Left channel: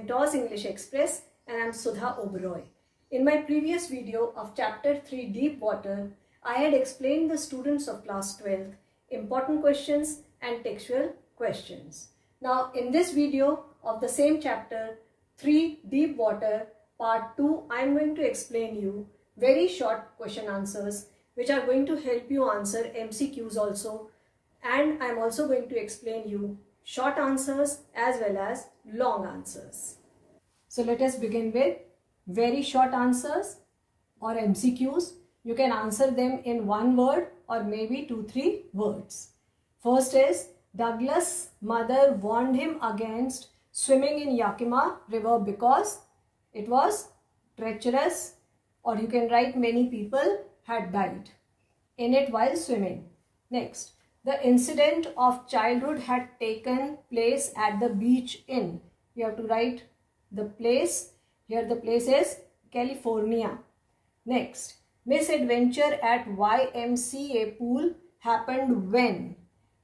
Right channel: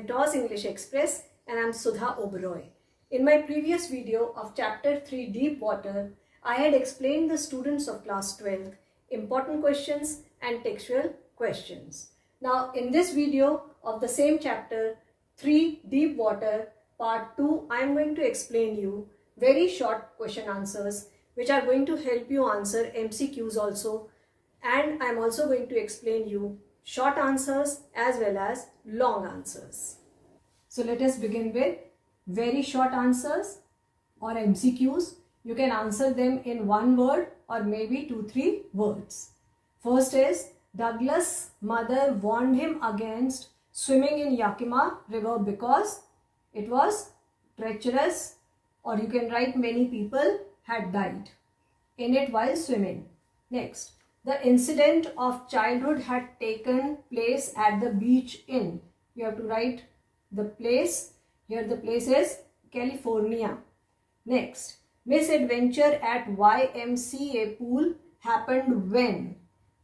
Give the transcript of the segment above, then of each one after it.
Mentors English Express and I'm Sudha Oberoi. In my previous video of Chapter 3 Deep Water, I had explained the students of class 12 important questions and textual questions. Now in this video of the same chapter 3 Deep Water Part 2, I am going to explain you very short question answers which are going to help you answer MCQs also, and I am also going to explain you short answers as well as long answers. So let us begin with very short answers or MCQs. You can answer them in one word or maybe 2-3 words. First is, Douglas' mother warned him against swimming in Yakima River because it was treacherous, or you can write many people had died in it while swimming. Next, the incident of childhood had taken place at the beach in. You have to write the place. Here the place is California. Next, misadventure at YMCA pool happened when?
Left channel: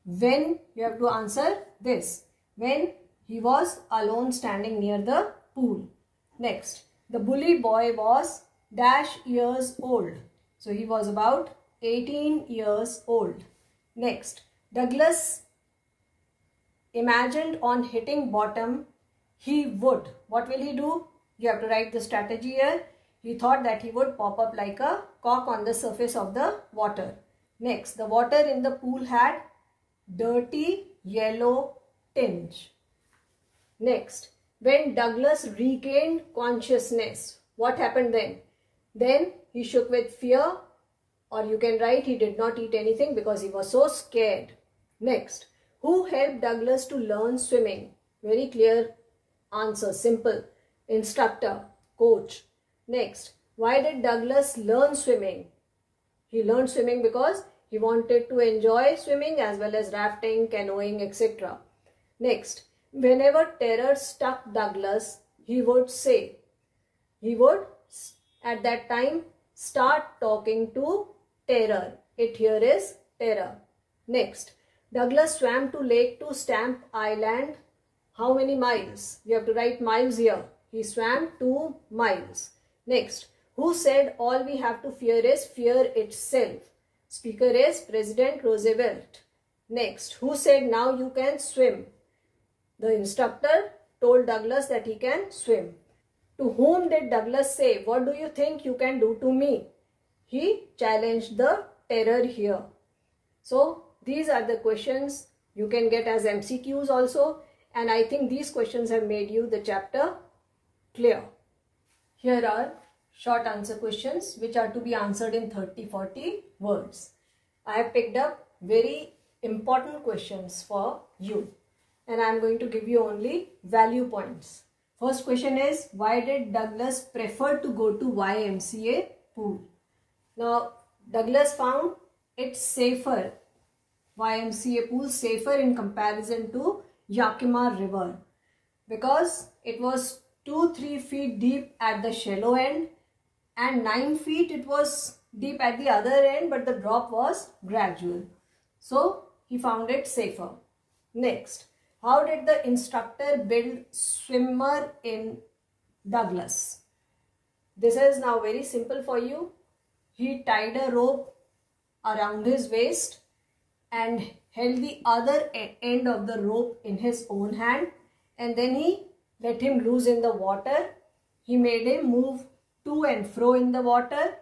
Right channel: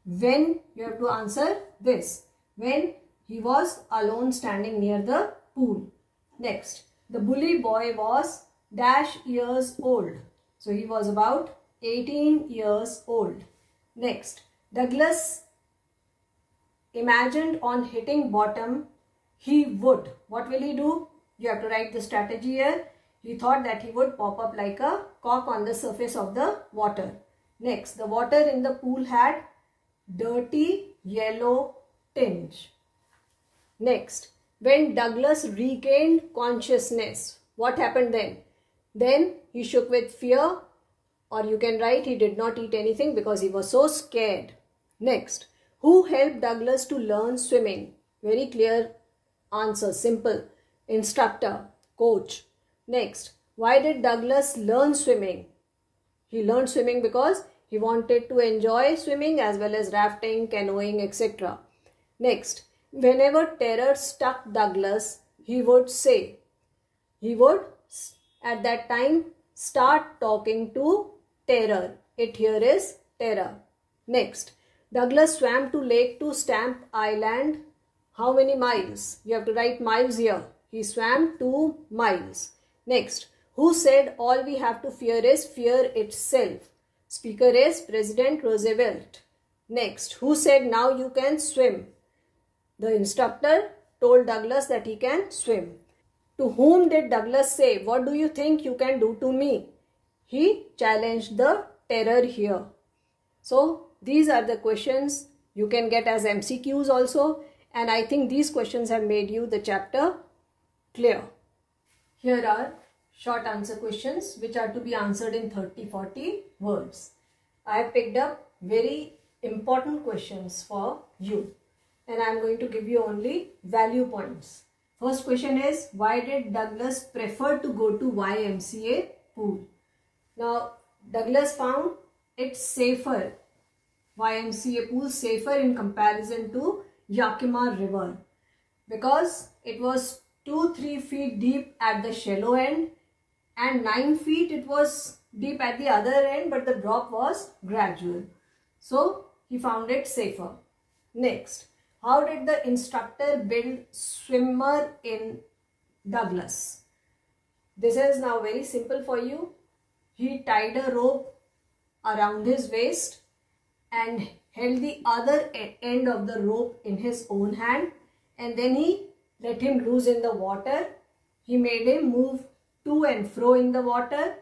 When, you have to answer this. When he was alone standing near the pool. Next, the bully boy was dash years old. So he was about 18 years old. Next, Douglas imagined on hitting bottom he would. What will he do? You have to write the strategy here. He thought that he would pop up like a cork on the surface of the water. Next, the water in the pool had dirty yellow tinge. Next, when Douglas regained consciousness, what happened then? Then he shook with fear, or you can write he did not eat anything because he was so scared. Next, who helped Douglas to learn swimming? Very clear answer, simple. Instructor, coach. Next, why did Douglas learn swimming? He learned swimming because he wanted to enjoy swimming as well as rafting, canoeing, etc. Next, whenever terror struck Douglas, he would say, he would at that time start talking to terror. It here is terror. Next, Douglas swam to Lake to Stamp Island. How many miles? You have to write miles here. He swam 2 miles. Next, who said all we have to fear is fear itself? Speaker is President Roosevelt. Next, who said now you can swim? The instructor told Douglas that he can swim. To whom did Douglas say, what do you think you can do to me? He challenged the terror here. So these are the questions you can get as MCQs also, and I think these questions have made you the chapter clear. Here are short answer questions which are to be answered in 30-40 words. I have picked up very important questions for you, and I am going to give you only value points. First question is, why did Douglas prefer to go to YMCA pool? Now, Douglas found it safer, YMCA pool safer in comparison to Yakima River, because it was 2-3 feet deep at the shallow end and 9 feet it was deep at the other end, but the drop was gradual. So, he found it safer. Next, how did the instructor build swimmer in Douglas? This is now very simple for you. He tied a rope around his waist and held the other end of the rope in his own hand, and then he let him loose in the water. He made him move to and fro in the water.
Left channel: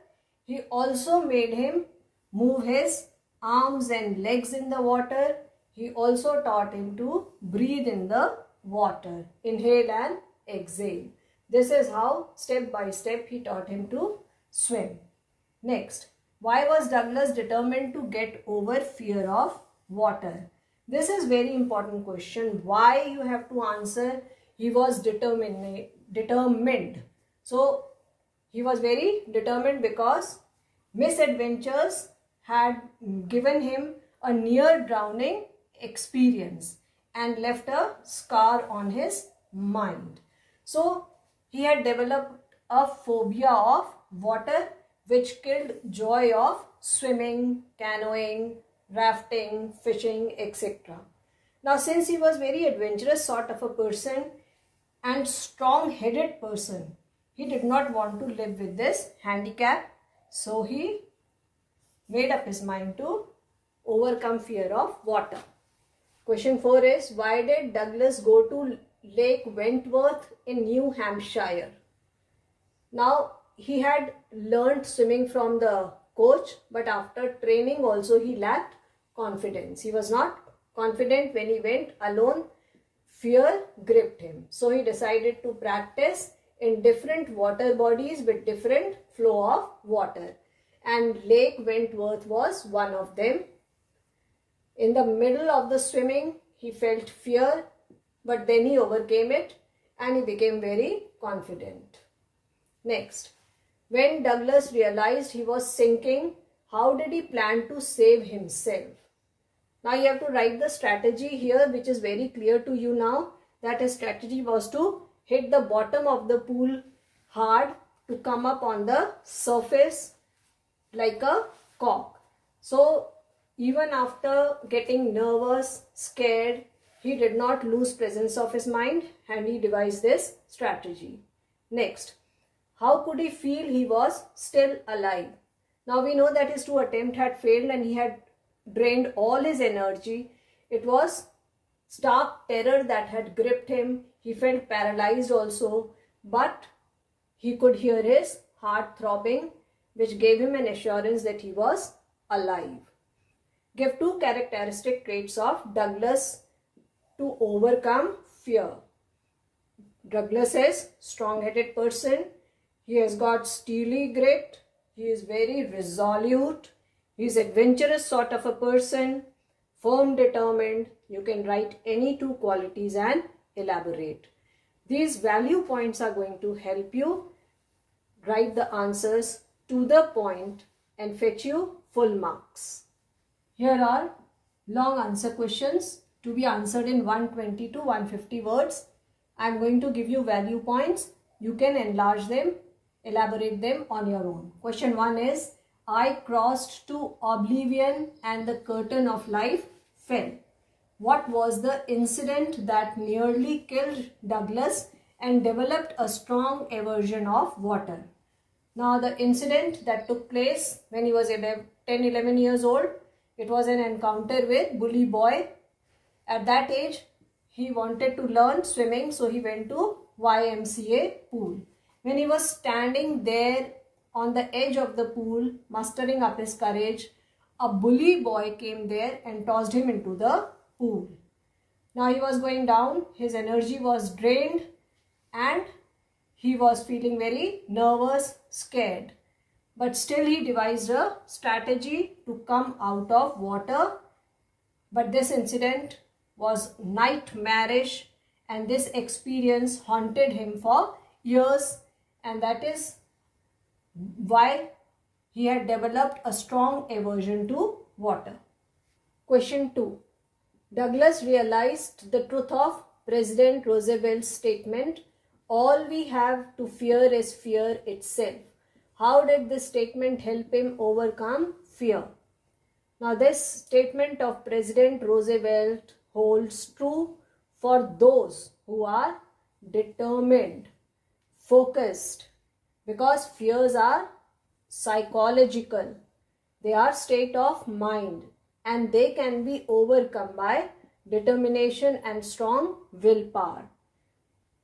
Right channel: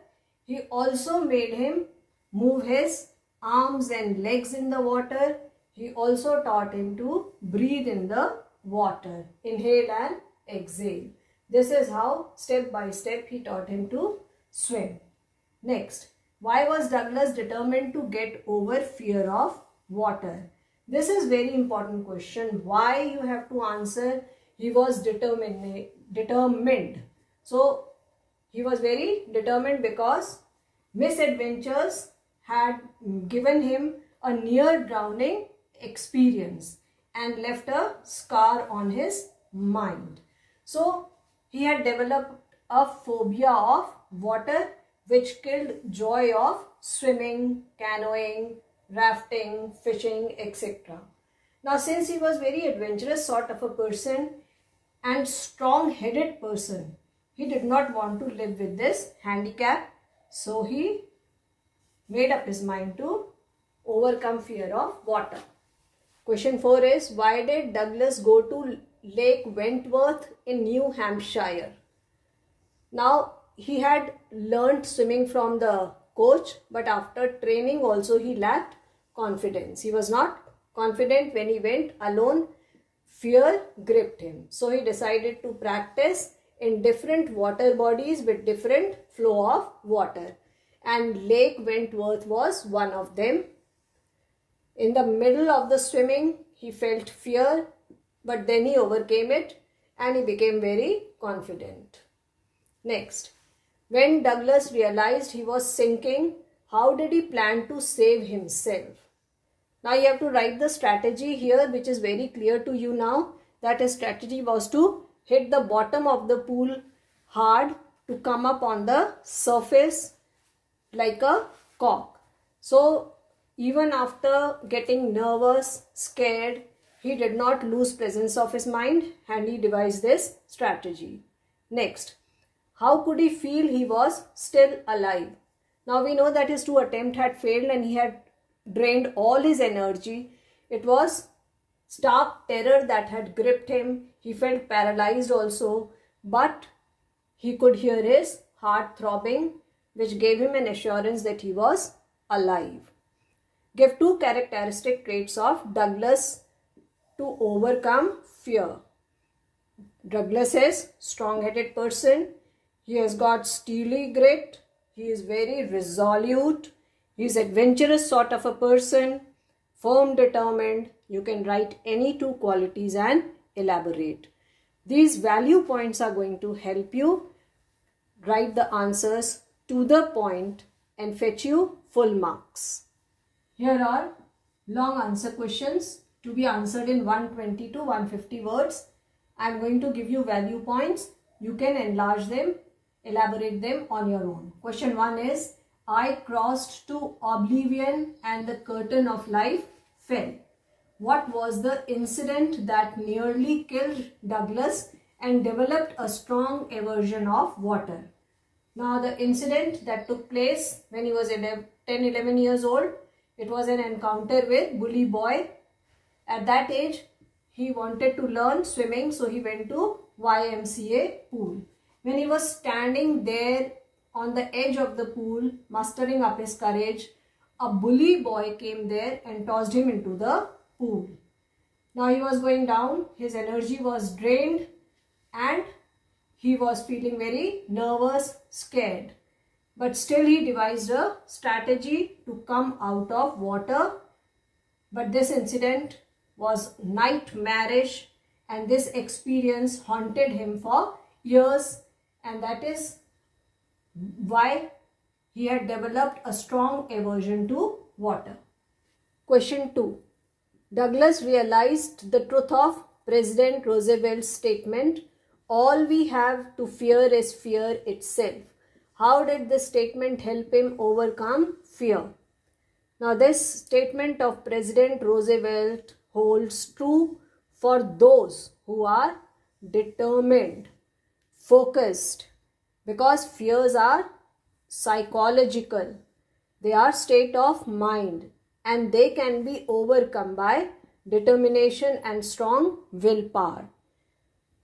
He also made him move his arms and legs in the water. He also taught him to breathe in the water, inhale and exhale. This is how step by step he taught him to swim. Next, why was Douglas determined to get over fear of water? This is very important question. Why you have to answer? He was determined. So he was very determined because misadventures had given him a near drowning experience and left a scar on his mind. So he had developed a phobia of water which killed joy of swimming, canoeing, rafting, fishing, etc. Now since he was very adventurous sort of a person and strong-headed person. He did not want to live with this handicap, so he made up his mind to overcome fear of water. Question 4 is, why did Douglas go to Lake Wentworth in New Hampshire? Now, he had learned swimming from the coach, but after training also he lacked confidence. He was not confident when he went alone. Fear gripped him. So he decided to practice in different water bodies with different flow of water. And Lake Wentworth was one of them. In the middle of the swimming, he felt fear, but then he overcame it and he became very confident. Next, when Douglas realized he was sinking, how did he plan to save himself? Now you have to write the strategy here, which is very clear to you now, that his strategy was to hit the bottom of the pool hard to come up on the surface like a cork. So even after getting nervous, scared, he did not lose presence of his mind and he devised this strategy. Next, how could he feel he was still alive? Now we know that his 2 attempts had failed and he had drained all his energy. It was stark terror that had gripped him. He felt paralyzed also, but he could hear his heart throbbing, which gave him an assurance that he was alive. Give 2 characteristic traits of Douglas to overcome fear. Douglas is strong-headed person. He has got steely grit. He is very resolute. He is adventurous sort of a person. Firm, determined. You can write any 2 qualities and elaborate. These value points are going to help you write the answers to the point and fetch you full marks. Here are long answer questions to be answered in 120 to 150 words. I am going to give you value points. You can enlarge them, elaborate them on your own. Question 1 is, I crossed to oblivion and the curtain of life fell. What was the incident that nearly killed Douglas and developed a strong aversion of water? Now the incident that took place when he was 10-11 years old, it was an encounter with Bully Boy. At that age, he wanted to learn swimming, so he went to YMCA pool. When he was standing there on the edge of the pool, mustering up his courage, a bully boy came there and tossed him into the pool. Now he was going down, his energy was drained and he was feeling very nervous, scared. But still he devised a strategy to come out of water. But this incident was nightmarish and this experience haunted him for years, and that is why he had developed a strong aversion to water. Question 2. Douglas realized the truth of President Roosevelt's statement, all we have to fear is fear itself. How did this statement help him overcome fear? Now this statement of President Roosevelt holds true for those who are determined, focused, because fears are psychological. They are state of mind and they can be overcome by determination and strong willpower.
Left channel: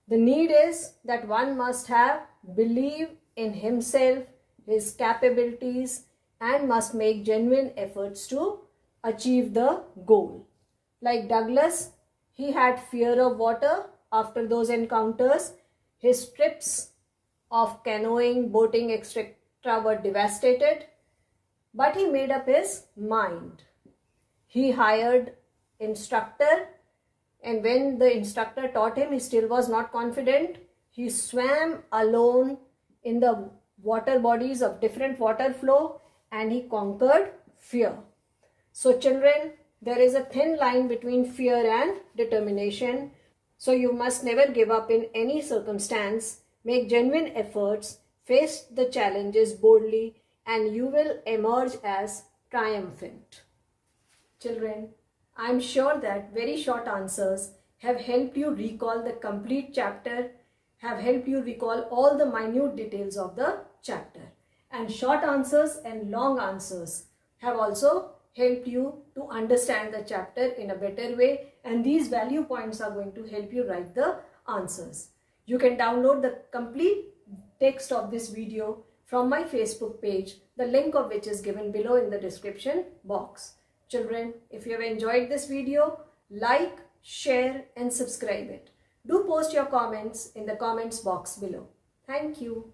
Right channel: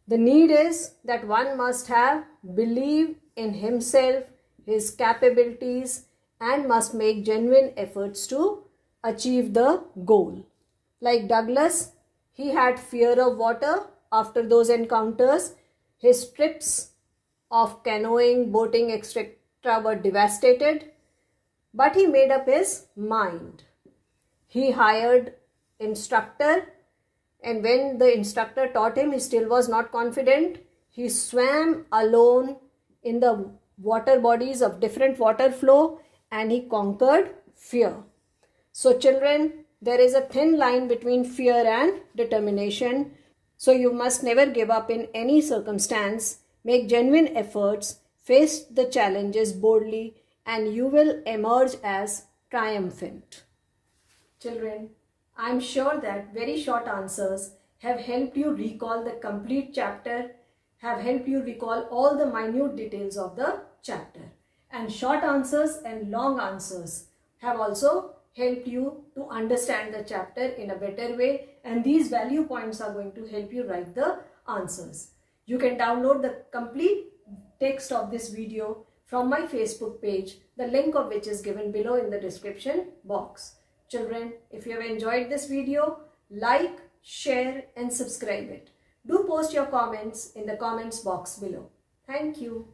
The need is that one must have belief in himself, his capabilities, and must make genuine efforts to achieve the goal. Like Douglas, he had fear of water after those encounters. His trips of canoeing, boating, etc. were devastated, but he made up his mind. He hired instructor, and when the instructor taught him, he still was not confident. He swam alone in the water bodies of different water flow and he conquered fear. So children, there is a thin line between fear and determination. So you must never give up in any circumstance. Make genuine efforts, face the challenges boldly, and you will emerge as triumphant. Children, I am sure that very short answers have helped you recall the complete chapter, have helped you recall all the minute details of the chapter. And short answers and long answers have also helped you to understand the chapter in a better way, and these value points are going to help you write the answers. You can download the complete text of this video from my Facebook page, the link of which is given below in the description box. Children, if you have enjoyed this video, like, share and subscribe it. Do post your comments in the comments box below. Thank you.